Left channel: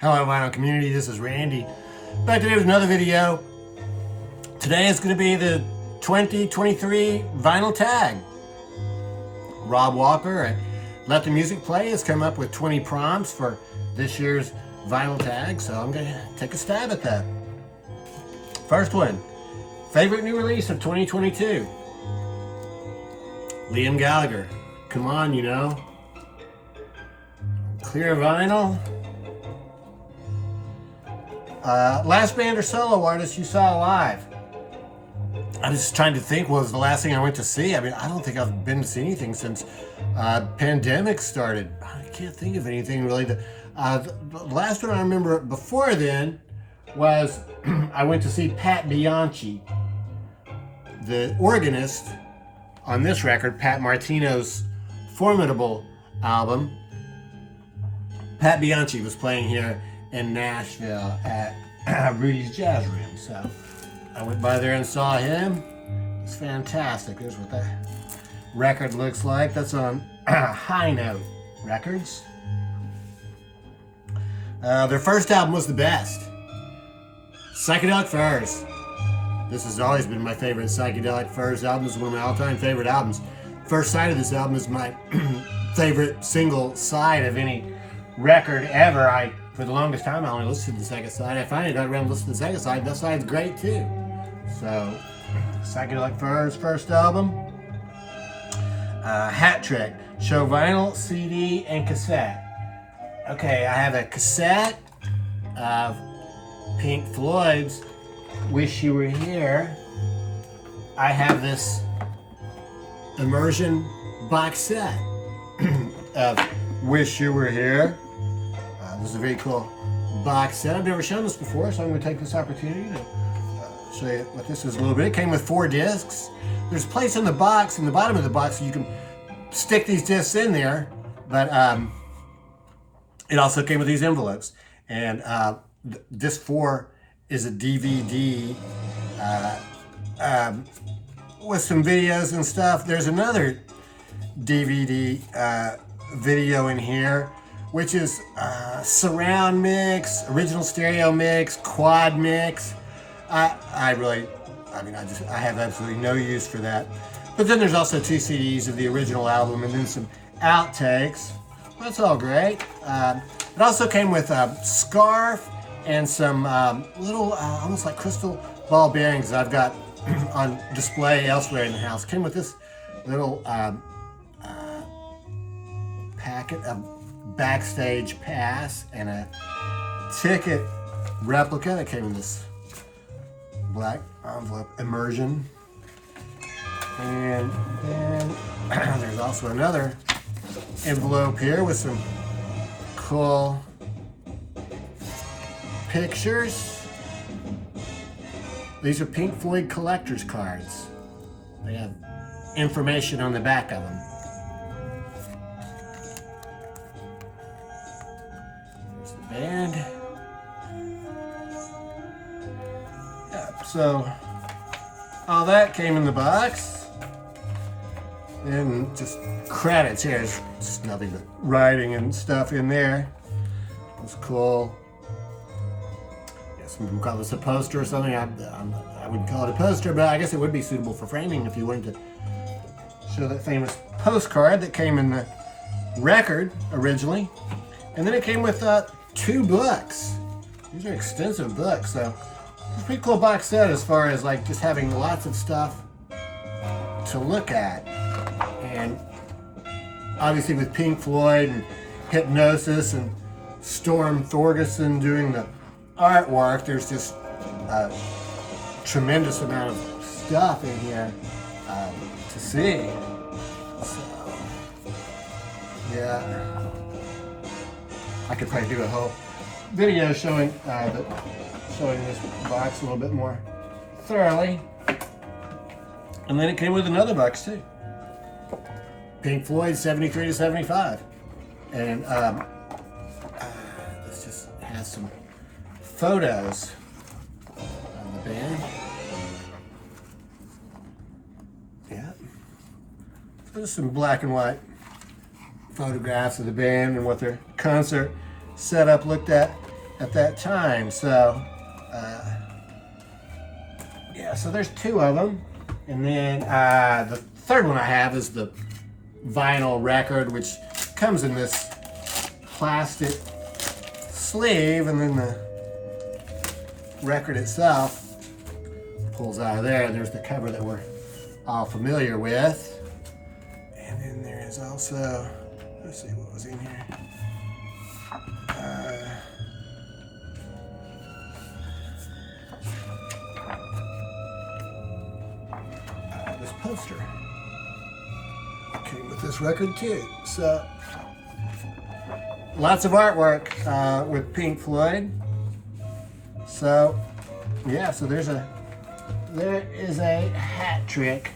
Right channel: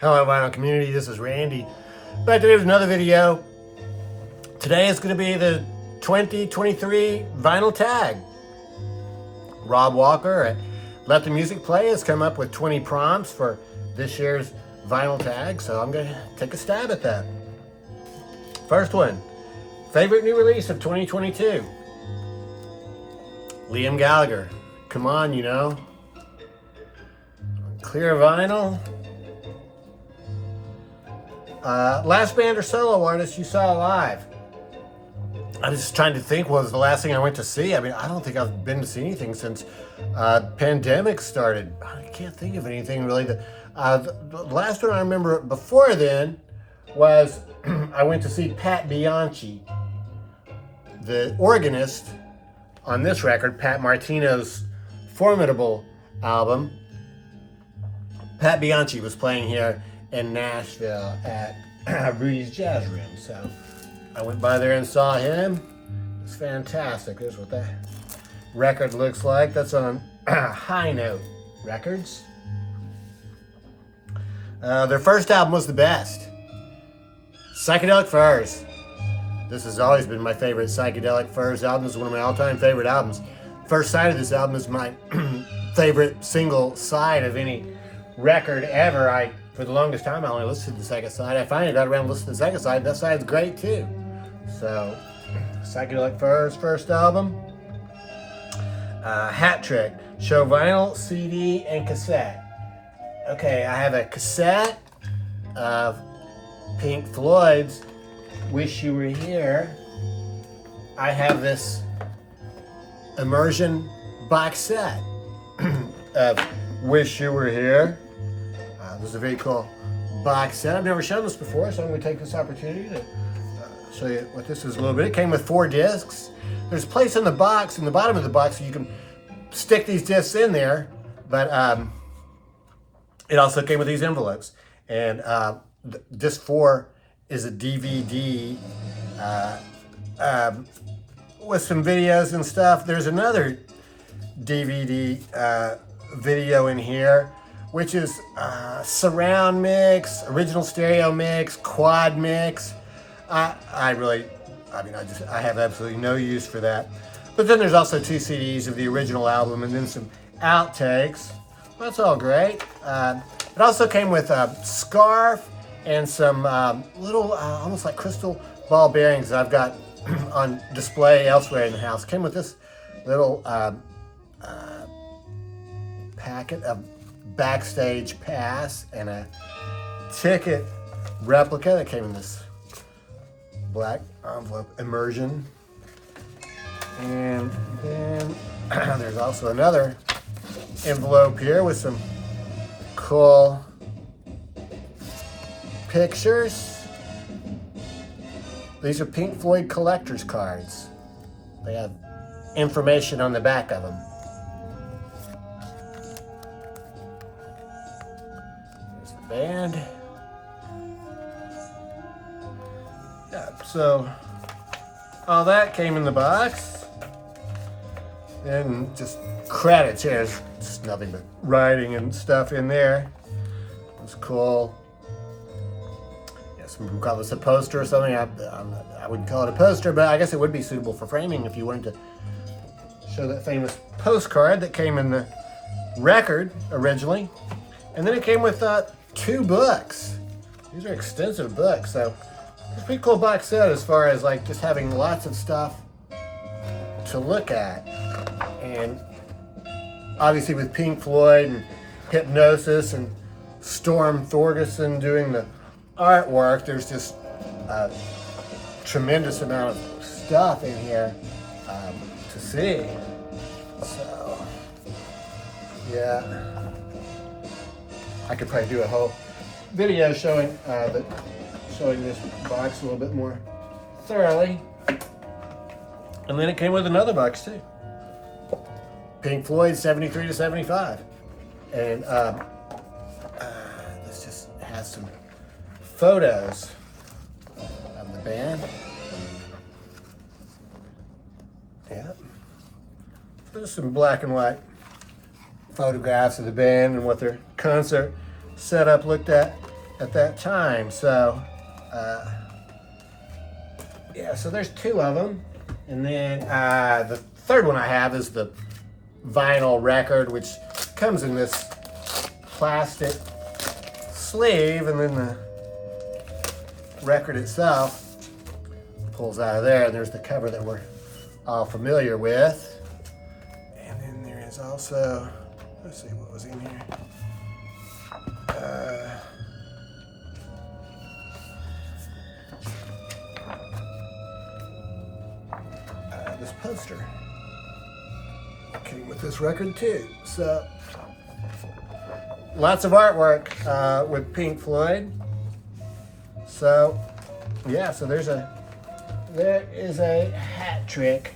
Hello vinyl community, this is Randy. Back today with another video. Today is going to be the 2023 vinyl tag. Rob Walker at Let the Music Play has come up with 20 prompts for this year's vinyl tag, so I'm going to take a stab at that. First one, favorite new release of 2022. Liam Gallagher, come on, you know. Clear vinyl. Last band or solo artist you saw live? I was just trying to think what was the last thing I went to see. I mean, I don't think I've been to see anything since pandemic started. I can't think of anything really. The last one I remember before then was I went to see Pat Bianchi, the organist on this record, Pat Martino's formidable album. Pat Bianchi was playing here in Nashville at Rudy's Jazz Room. So I went by there and saw him. It's fantastic. There's what that record looks like. That's on High Note Records. Their first album was the best. Psychedelic Furs. This has always been my favorite Psychedelic Furs album. This is one of my all-time favorite albums. First side of this album is my favorite single side of any record ever. For the longest time, I only listened to the second side. I finally got around to listening to the second side, and that side's great too. So, Psychedelic Furs, first album. Hat Trick, show vinyl, CD, and cassette. Okay, I have a cassette of Pink Floyd's Wish You Were Here. I have this immersion box set of Wish You Were Here. It was a very cool box set. I've never shown this before, so I'm going to take this opportunity to show you what this is a little bit. It came with 4 discs. There's a place in the box, in the bottom of the box, so you can stick these discs in there, but it also came with these envelopes. And disc 4 is a DVD with some videos and stuff. There's another DVD video in here, which is surround mix, original stereo mix, quad mix. I have absolutely no use for that. But then there's also 2 CDs of the original album and then some outtakes. That's all great. It also came with a scarf and some little, almost like crystal ball bearings that I've got on display elsewhere in the house. Came with this little packet of backstage pass and a ticket replica that came in this black envelope immersion. And then there's also another envelope here with some cool pictures. These are Pink Floyd collector's cards. They have information on the back of them. Band. Yep, so all that came in the box. And just credits here. It's just nothing but writing and stuff in there. It's cool. Yeah, some people call this a poster or something. I wouldn't call it a poster, but I guess it would be suitable for framing if you wanted to show that famous postcard that came in the record originally. And then it came with 2 books. These are extensive books, so it's a pretty cool box set as far as like just having lots of stuff to look at. And obviously with Pink Floyd and Hypnosis and Storm Thorgerson doing the artwork, there's just a tremendous amount of stuff in here to see. So, yeah. I could probably do a whole video showing this box a little bit more thoroughly. And then it came with another box too. Pink Floyd 73 to 75. And this just has some photos of the band. Yeah. There's some black and white photographs of the band and what their concert setup looked at that time. So, yeah, so there's 2 of them. And then the third one I have is the vinyl record, which comes in this plastic sleeve, and then the record itself pulls out of there, and there's the cover that we're all familiar with. And then there is also, let's see what was in here. This poster came with this record too. So lots of artwork with Pink Floyd. So yeah, so there is a hat trick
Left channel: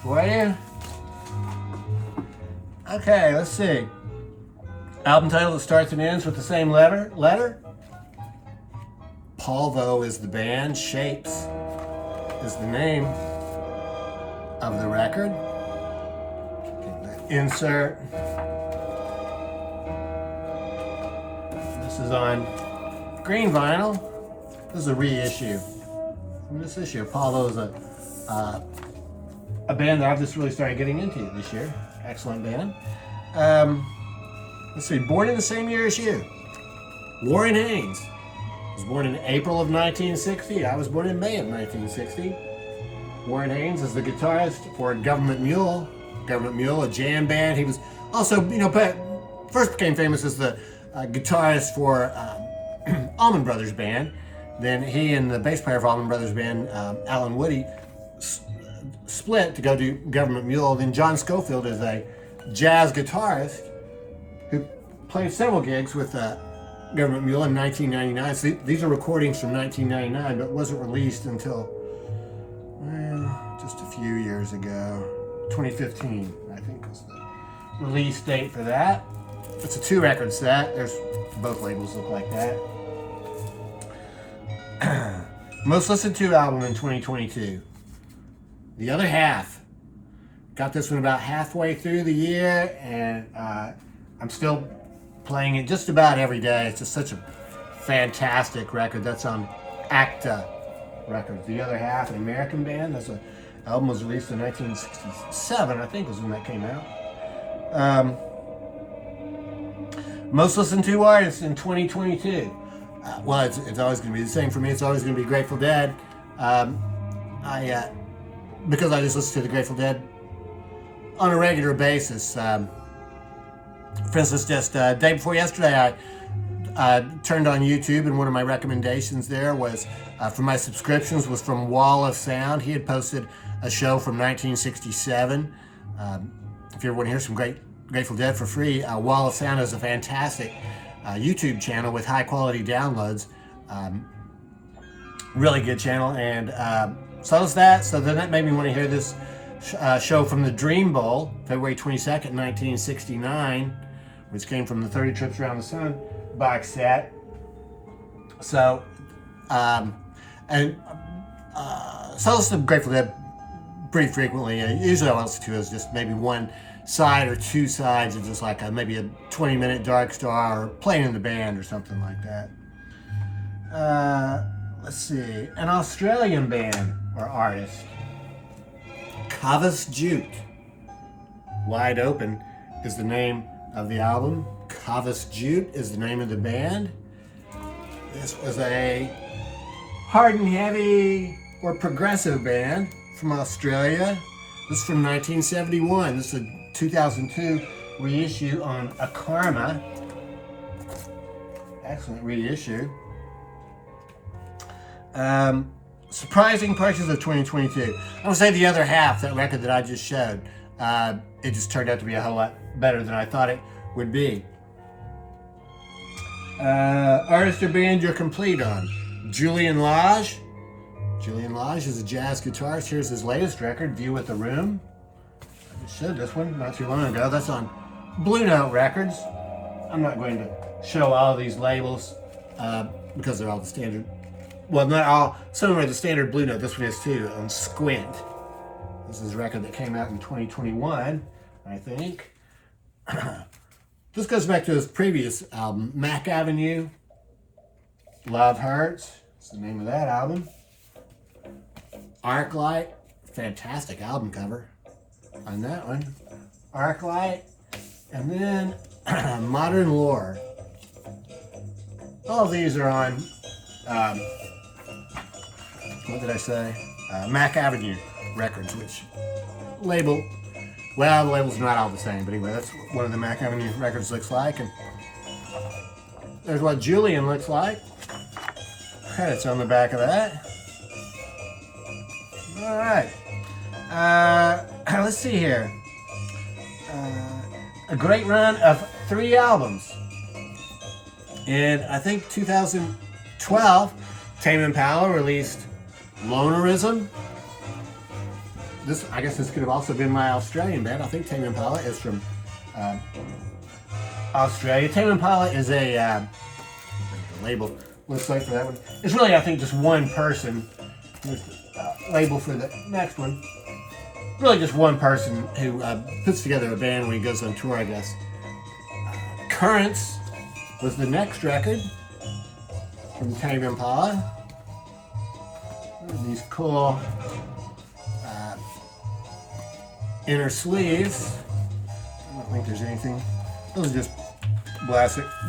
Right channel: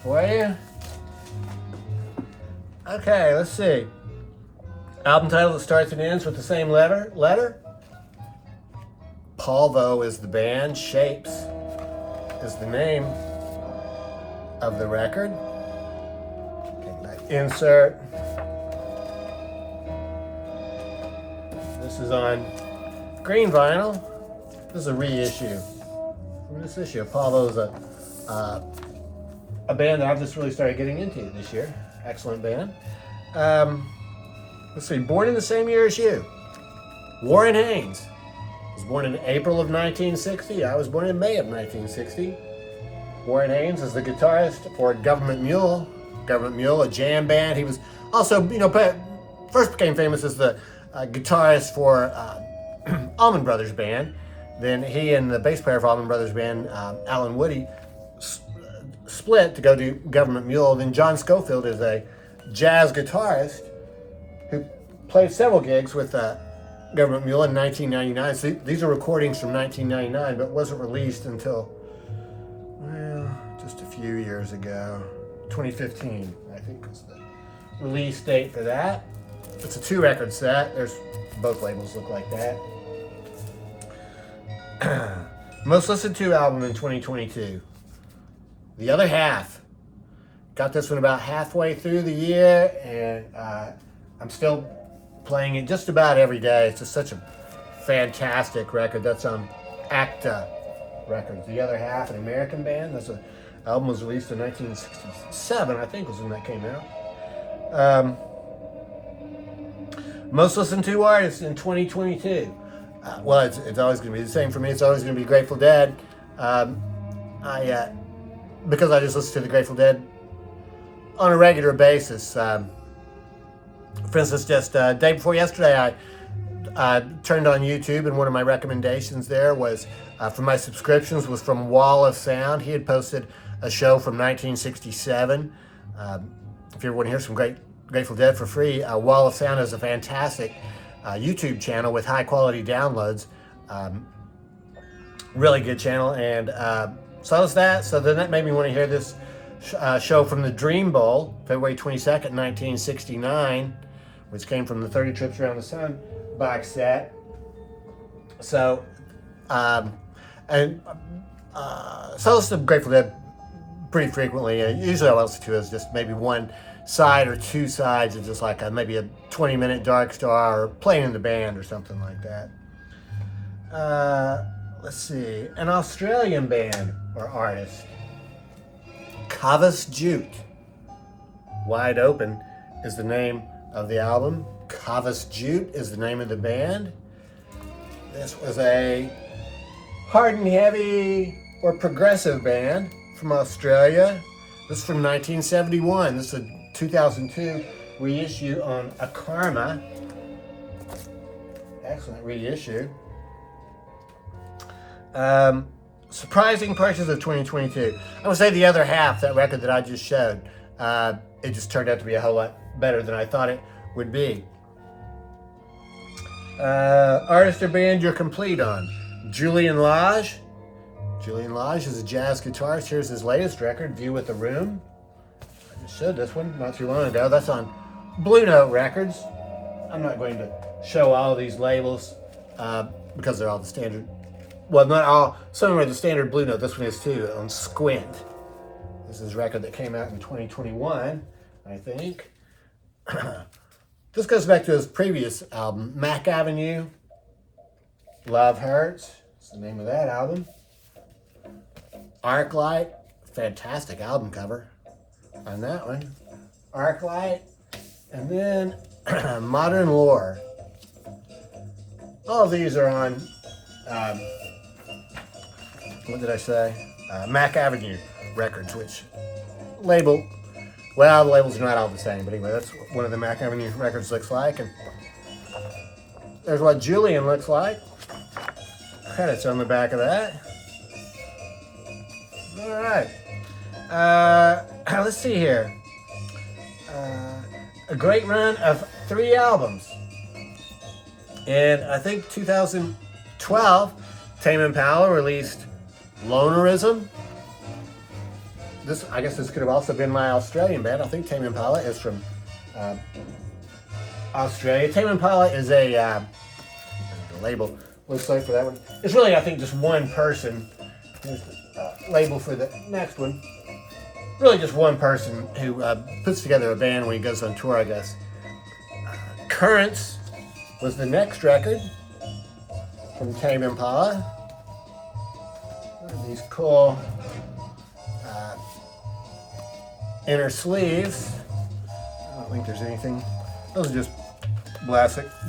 for you. Okay, let's see. Album title that starts and ends with the same letter. Polvo is the band. Shapes is the name of the record. Okay, insert. This is on green vinyl. This is a reissue from this issue. Polvo is a band that I've just really started getting into this year. Excellent band. Let's see, born in the same year as you. Warren Haynes was born in April of 1960. I was born in May of 1960. Warren Haynes is the guitarist for Government Mule. Government Mule, a jam band. He was also, first became famous as the guitarist for Allman Brothers Band. Then he and the bass player for Allman Brothers Band, Alan Woody, split to go do Government Mule. Then John Scofield is a jazz guitarist who played several gigs with Government Mule in 1999. So these are recordings from 1999, but wasn't released until, well, just a few years ago. 2015, I think, was the release date for that. It's a 2-record set. There's both labels look like that. Most listened to album in 2022. The Other Half. Got this one about halfway through the year, and I'm still playing it just about every day. It's just such a fantastic record. That's on Acta Records. The Other Half, an American band. This album was released in 1967, I think, was when that came out. Most listened to artists in 2022. Well, it's always going to be the same for me. It's always going to be Grateful Dead. Because I just listen to the Grateful Dead on a regular basis. For instance, just day before yesterday, I turned on YouTube, and one of my recommendations there was for my subscriptions was from Wall of Sound. He had posted a show from 1967. If you ever want to hear some Grateful Dead for free, Wall of Sound is a fantastic YouTube channel with high quality downloads. Really good channel, and so was that. So then that made me want to hear this show from the Dream Bowl, February 22nd, 1969, which came from the 30 Trips Around the Sun box set. So, so I listen to Grateful Dead pretty frequently. Usually I listen to is just maybe one side or two sides of just like maybe a 20-minute Dark Star or playing in the band or something like that. Let's see, an Australian band or artist. Cavas Jute. Wide Open is the name of the album. Cavas Jute is the name of the band. This was a hard and heavy or progressive band from Australia. This is from 1971. This is a 2002 reissue on A Karma. Excellent reissue. Surprising purchase of 2022. I would say The Other Half, that record that I just showed, it just turned out to be a whole lot better than I thought it would be. Artist or band you're complete on. Julian Lage. Julian Lage is a jazz guitarist. Here's his latest record, View with the Room. I just showed this one not too long ago. That's on Blue Note Records. I'm not going to show all of these labels because they're all the standard. Well, not all. Some are the standard Blue Note. This one is too, on Squint. This is a record that came out in 2021, I think. This goes back to his previous album, Mac Avenue. Love Hurts. That's the name of that album. Arclight. Fantastic album cover on that one. Arclight. And then Modern Lore. All of these are on, what did I say? Mac Avenue Records, which label, well, the label's not all the same, but anyway, that's what one of the Mac Avenue Records looks like. And there's what Julian looks like. Credits on the back of that. All right. Let's see here. A great run of 3 albums. And I think 2012, Tame Impala released Lonerism. I guess this could have also been my Australian band. I think Tame Impala is from Australia. Tame Impala is a the label looks like for that one. It's really, I think, just one person. Here's the label for the next one. Really just one person who puts together a band when he goes on tour, I guess. Currents was the next record from Tame Impala. These cool inner sleeves. I don't think there's anything. Those are just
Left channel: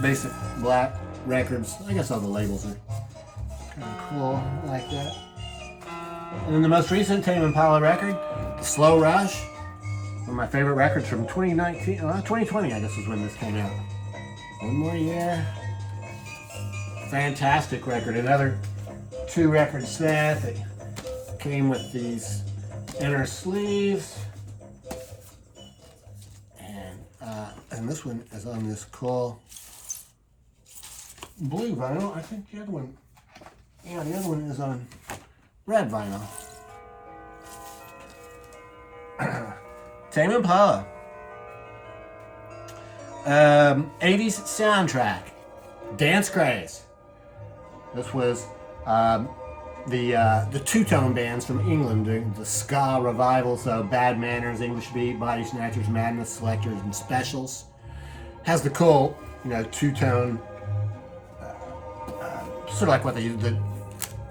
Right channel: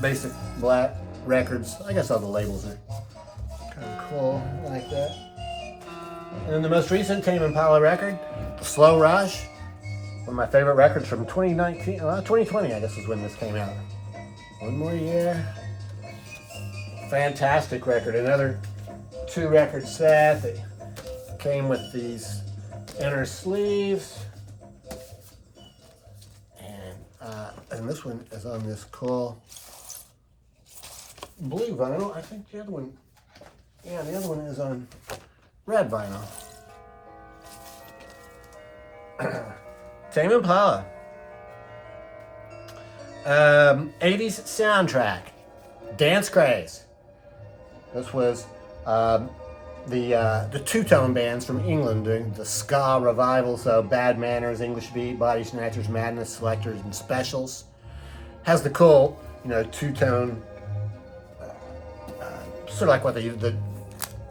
basic black records. I guess all the labels are kind of cool like that. And then the most recent Tame Impala record, The Slow Rush. One of my favorite records from 2020, I guess was when this came out. One More Year. Fantastic record. Another 2-record set that came with these inner sleeves. And this one is on this cool blue vinyl. I think the other one, yeah, the other one is on red vinyl. Tame Impala. 80s soundtrack. Dance Craze. This was the two-tone bands from England doing the ska revival, so Bad Manners, English Beat, Body Snatchers, Madness, Selectors, and Specials. Has the cool, two-tone, sort of like what they use, the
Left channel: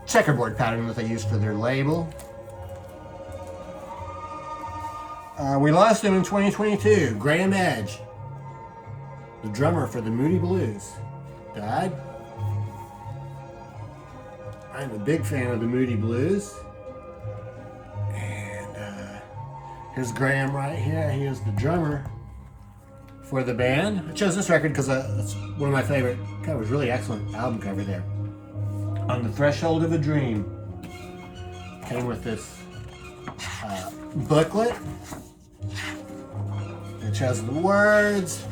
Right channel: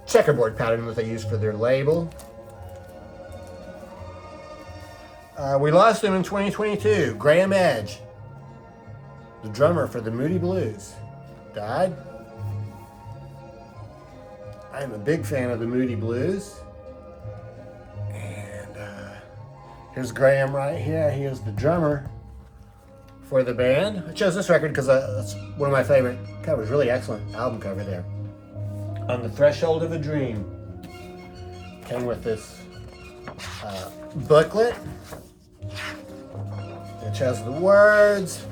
checkerboard pattern that they use for their label. We lost him in 2022. Graham Edge, the drummer for the Moody Blues, died. I'm a big fan of the Moody Blues. And here's Graham right here. He is the drummer for the band. I chose this record because that's one of my favorite covers. Really excellent album cover there. On the Threshold of a Dream. Came with this booklet, which has the words.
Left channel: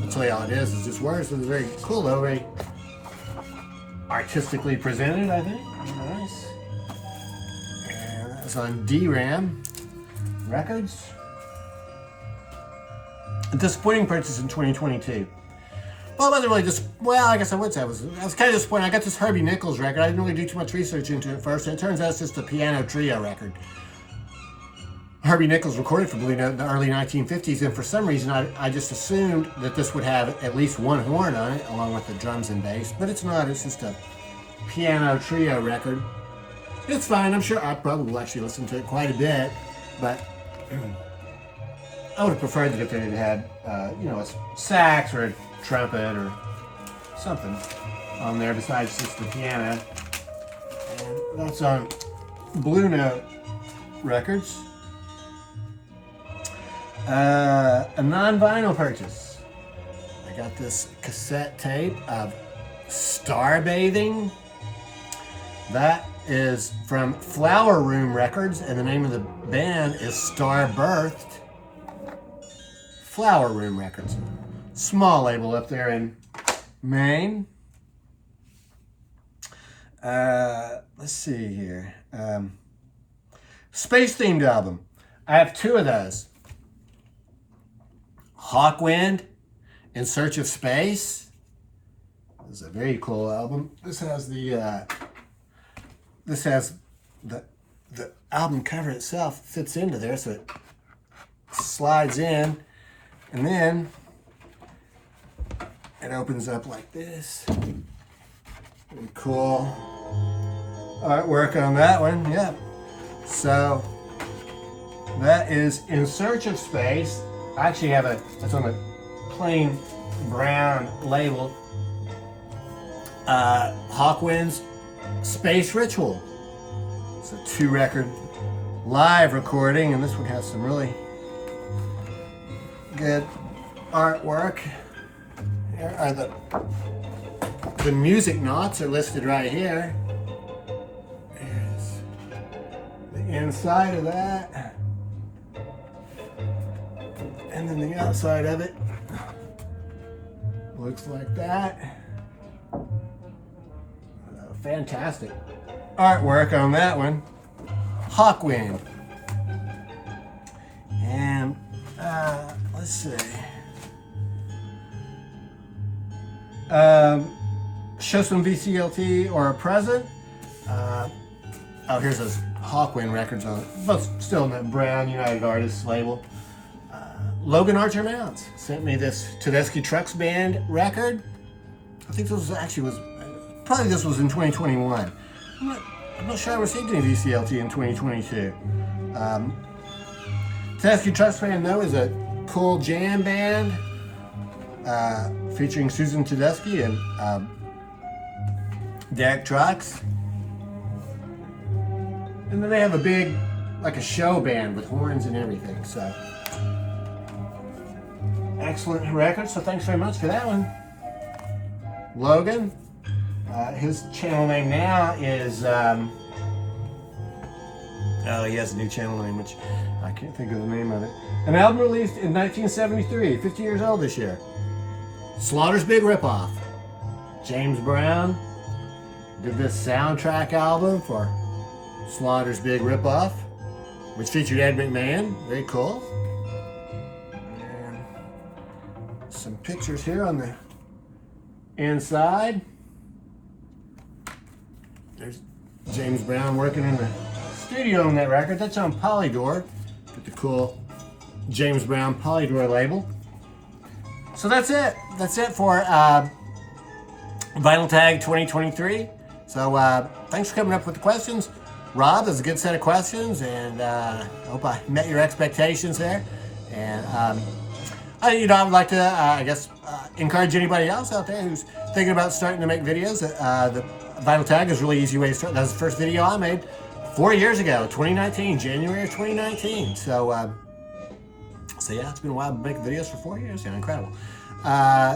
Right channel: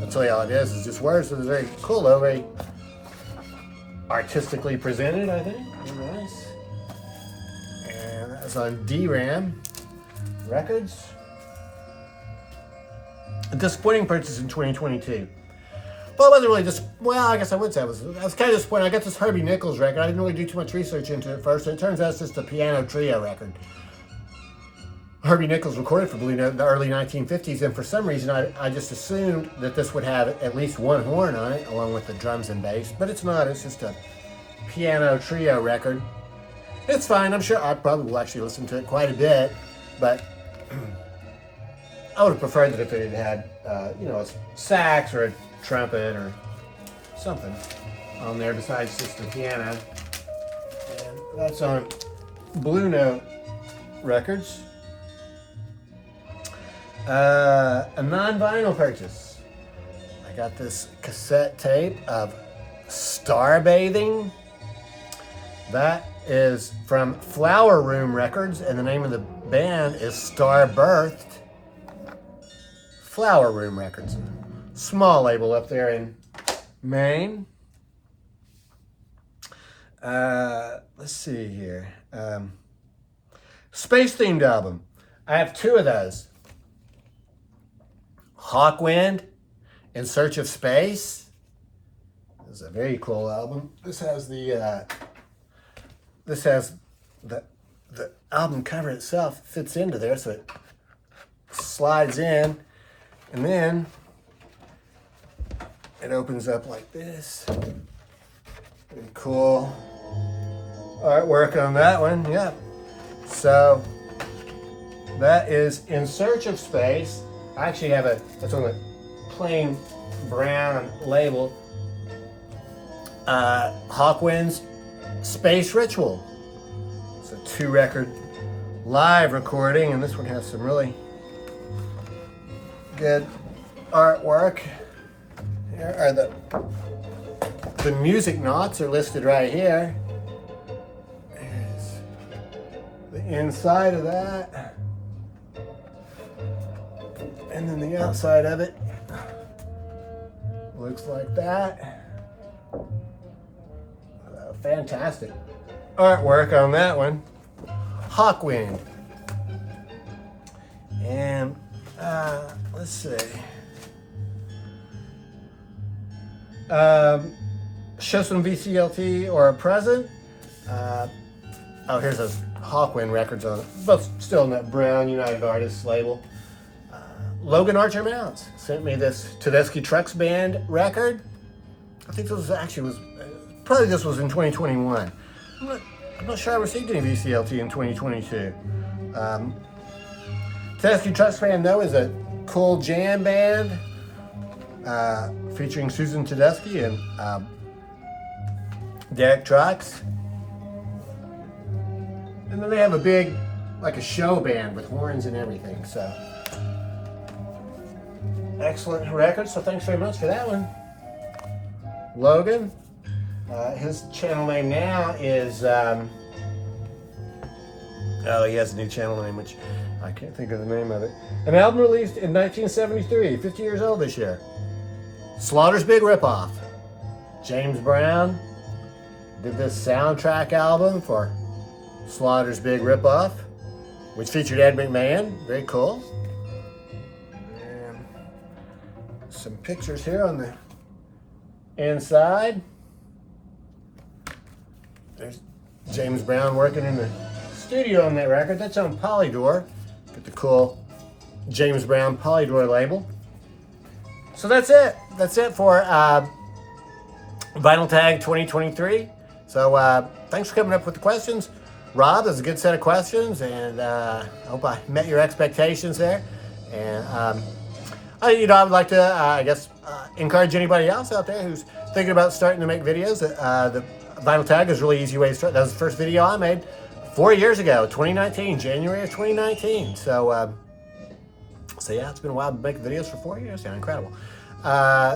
I'll tell you all it is just words. So it's very cool though. Very artistically presented, I think. Nice. And that was on DRAM Records. A disappointing purchase in 2022. Well, it wasn't really just, well, I guess I would say I was kind of disappointed. I got this Herbie Nichols record. I didn't really do too much research into it first, and it turns out it's just a piano trio record. Herbie Nichols recorded for the early 1950s, and for some reason I just assumed that this would have at least one horn on it, along with the drums and bass, but it's not. It's just a piano trio record. It's fine. I'm sure I probably will actually listen to it quite a bit, but I would have preferred that if it had a sax or a trumpet or something on there besides just the piano. And that's on Blue Note Records. A non-vinyl purchase. I got this cassette tape of Star Bathing. That is from Flower Room Records, and the name of the band is Star Birthed. Flower Room Records. Small label up there in Maine. Let's see here. Space-themed album. I have 2 of those. Hawkwind, In Search of Space. This is a very cool album. This has the album cover itself fits into there, so it slides in, and then it opens up like this. Pretty cool artwork on that one, yeah. So that is In Search of Space. I actually have that's on a plain brown label. Hawkwind's Space Ritual. It's a 2-record live recording, and this one has some really good artwork. Here are the music notes are listed right here. Here's the inside of that. And then the outside of it looks like that. Fantastic artwork on that one. Hawkwind. And let's see. Show some VCLT or a present. Oh, here's those Hawkwind records on it. Both still in that brown United Artists label. Logan Archer Mounts sent me this Tedeschi Trucks Band record. I think this was probably this was in 2021. I'm not sure I received any VCLT in 2022. Tedeschi Trucks Band, though, is a cool jam band featuring Susan Tedeschi and Derek Trucks. And then they have a big, like a show band with horns and everything. So, excellent record. So thanks very much for that one, Logan. His channel name now is, he has a new channel name, which I can't think of the name of it. An album released in 1973, 50 years old this year. Slaughter's Big Ripoff. James Brown did this soundtrack album for Slaughter's Big Ripoff, which featured Ed McMahon. Very cool. And some pictures here on the inside. There's James Brown working in the studio on that record. That's on Polydor. Get the cool James Brown Polydor label. So that's it. That's it for Vinyl Tag 2023. So thanks for coming up with the questions. Rob, that's a good set of questions, and I hope I met your expectations there. And I would like to, encourage anybody else out there who's thinking about starting to make videos. The Vinyl Tag is a really easy way to start. That was the first video I made 4 years ago, 2019, January of 2019. So yeah, it's been a while to make videos for 4 years. Yeah, incredible.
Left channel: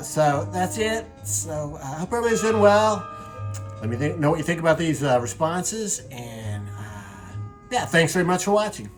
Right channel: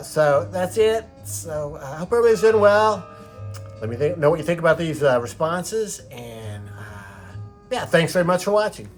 So that's it. So I hope everybody's doing well. Let me know what you think about these responses. And yeah, thanks very much for watching.